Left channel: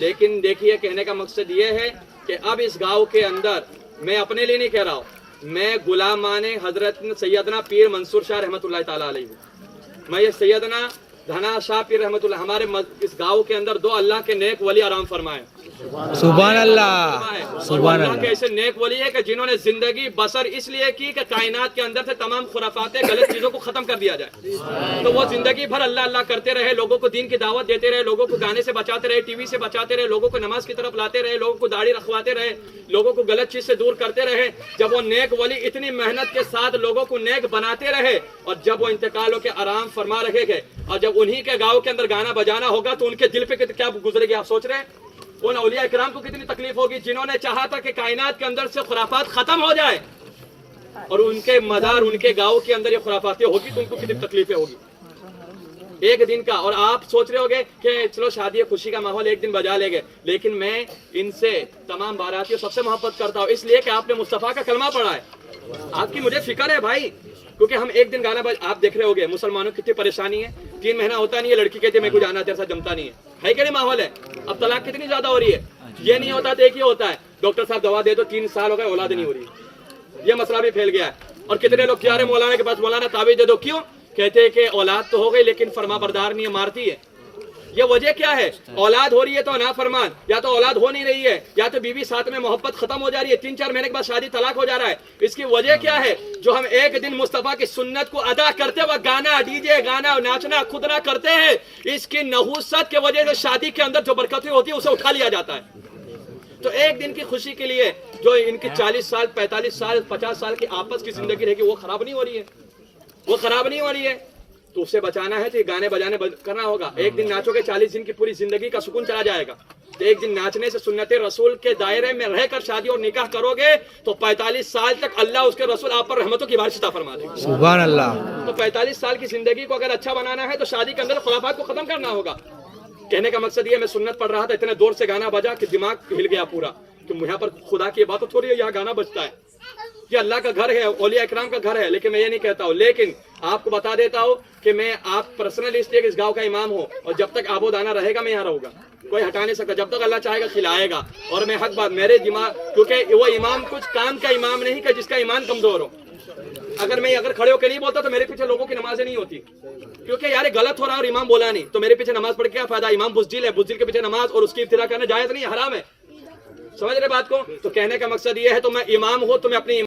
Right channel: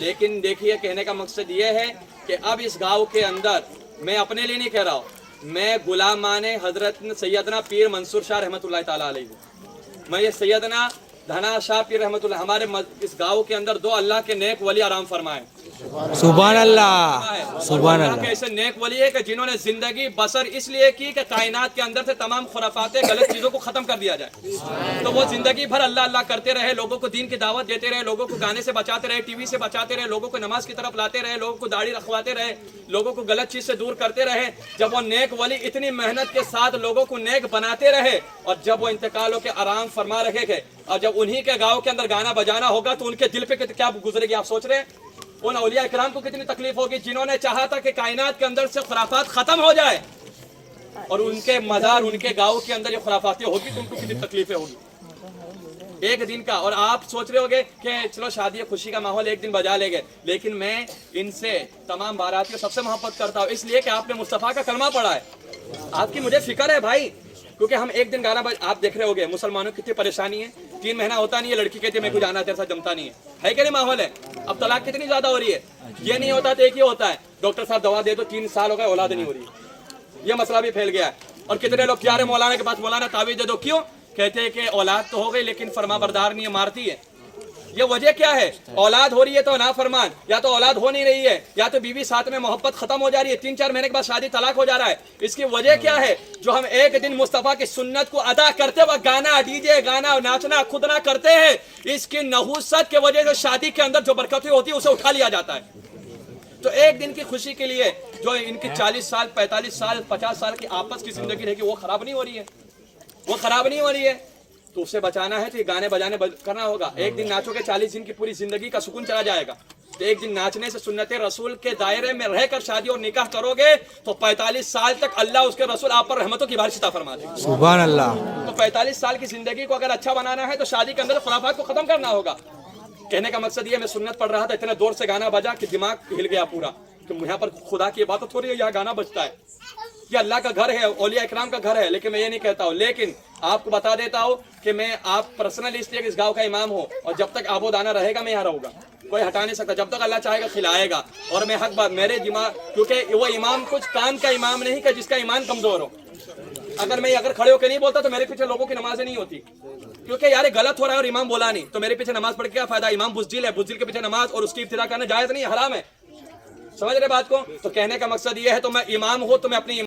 لیکن دیکھیے کہنے کا مقصد یہ ہے کہ اب اس گاؤں کے اندر میں اپنے لیے نہیں کہہ رہا ہوں، میں غلامان حضرت سیدنا پیر منصور شاہ رحمۃ اللہ تعالیٰ علیہ ہوں۔ میں یہ سیدنا دھنا شاہ پیر رحمۃ اللہ، ہمارے اس گاؤں کے اندر 2 اللہ کے نیک ولی آرام فرمائے۔ سبحان اللہ، سبحان اللہ اللہ۔ کے ایسے نیک ولی ہے کہ جنہوں نے زندگی بسر اس لیے کی کہ کائنات کے اندر سے تمام خرافات غلط چیزوں کو ختم کر دیا جائے، تو وہ زندگی بھر اللہ اللہ کرتے رہے، لوگوں کو دین کی دعوت دیتے رہے، لوگوں کو گانے سے بچاتے رہے، ٹی وی سے بچاتے رہے، لوگوں کو نماز کی طرف لاتے رہے، لوگوں کو داڑھی رکھواتے رہے، لوگوں کو غلط چیز سے دور کرتے رہے۔ جب وہ نیک ولی اتنی محنت کے ساتھ لوگوں کو نیک بناتے رہے اور جب وہ انتقال ہو کے آرام فرما رہے گے، اور جب انہی کے گاؤں کے اندر گانا بجانا ہوگا تو ان کے دل پہ کیا گزرے گی آپ سوچ رہے ہیں؟ ان اولیاء اکرام کو کتنی تکلیف ہوگی جنہوں نے چاہا تھا کہ کائنات کے اندر سے خرافات ختم ہو جائے، اور ان کے مزار ان کے گاؤں کے اندر یہ خرافاتیں ہوگی تو ان کو کتنی تکلیفیں ہوگی ایک دن کا۔ اور آپ سوچ رہے ہوگے کہ چلو شادی خوشی کا ماحول ایک دن بجا لے گے، لیکن میں ان سے تمام باراتیوں سب سے محبت کرتا ہوں، اس لیے کہ آپ نے مصطفیٰ کا کلمہ پڑھا ہے۔ آپ کی مجھے فکر ہے بھائی، کیونکہ ہم ایک دن گانا آپ دیکھ رہے ہوگے مسلمانوں کی کتنی پریشانی ہے، 3 مہینہ ہوتا نہیں ہے، لڑکی کہتی ہے میں کو جانا تیرے ساتھ جمتا نہیں ہے کہ نہیں ماحول ہے؟ اب طلاق کتنی زیادہ ہو رہی ہے، یہ نہیں ہوتا تو ایک ہی ہوتا ہے، ڈاکٹر صاحب دوا دے دو 3 سال ہو گئے اولاد نہیں ہو رہی، یہ مسئلہ بھی پھیل گیا ہے۔ اور کتنے لوگ کیا رہے مولانا کے پاس، مولانا تعویذ دے دو، کیوں؟ کہتے ہیں کہ اولاد تو ہو گئی لیکن فرما بردار نہیں ہے، مارتی ہے۔ یہ وجہ کیا ہے؟ اولاد ہو رہی ہے تو نافرمان، یا تو اولاد ہو نہیں رہی ہے، یا تو بیوی ساتھ میں محبت ختم ہو جا رہی ہے، 3-4 مہینے کے بعد شادی طلاق ہو جا رہا ہے۔ اس کی وجہ کیا ہے؟ جو ہم ایک دن مصطفیٰ کی سنت کو ادا کرتے وقت گانا ڈی جے گانا ناچنا خود نہ کرتے ہیں، اس کی نحوست کی وجہ سے شادی کے اندر جو برکتیں ہوتی ہے اسے اٹھا لیا جاتا ہے۔ تو ایک دن کی خوشی کے لیے جو ان کی 40 سال 45 سال 50 سال کی آپس کی زندگی رہے گی وہ خراب نہیں ہو رہی ہے، وہ خراب نہیں ہو رہی ہے، تو اسے بچانا ہے تو یہ گانے بجانے کرنا ہوگا۔ ایک دن ناچو گے 40 دن کی پوری زندگی کا سکون چلا جائے گا، تو ایک دن ناچنے سے سنت رسول کے دائرے میں رہ کر شادی اور نکاح کرو گے تو 45 سال تک اللہ اس کے رسول آپ پر رحمتوں کی بارش عطا فرما دے گا۔ سبحان اللہ۔ تو 45 سال کی زندگی کو اگر اچھا بنانا ہے تو شادی کے اندر خرافات کو ختم کرنا ہوگا۔ کہنے کا مقصد یہ میں سنت پڑھ رہا تھا، اتنے دور سے گانا بجا کہ دماغ ہل گیا پورا، کہ یہاں پر خدا کی عبادت ہو رہی ہے، یہاں گانا بجتا ہے، یہ اللہ کا گھر ہے، اولیاء اکرام کا گھر ہے، لیکن میں یہ نہیں کہتا ہوں۔ لیکن آپ کو بتا دیتا ہوں کہ میں آپ پرسنل اس لیے کہ اس گاؤں کا امام ہوں، اور جب تک آب و دانہ رہے گا میں یہاں رہوں گا، کوئی ہٹا نہیں سکتا، جب تک اللہ چاہے گا کھلائے گا۔ اور میں حق بات میرے دماغ، کیونکہ وہ امام کچھ کام کا امام نہیں کہ جس کا ایمان کمزور ہو، اگر کھڑے ہو کے نہیں بولتا تو میرے پیچھے لوگوں کی نمازیں نہیں ہوتی، کیونکہ یار غلط ہو رہا ہے اور امام بولا نہیں تو میرے پیچھے نماز پڑھ کے کیا فائدہ؟ امام بزدل ہے، بزدل کے پیچھے نماز اور اس کی ابتدا کرنا جائز نہیں، حرام ہے۔ سمجھ رہے بات کو؟ تو کہنے کا مقصد یہ ہے تو میں امام ہوں تو میں اپنی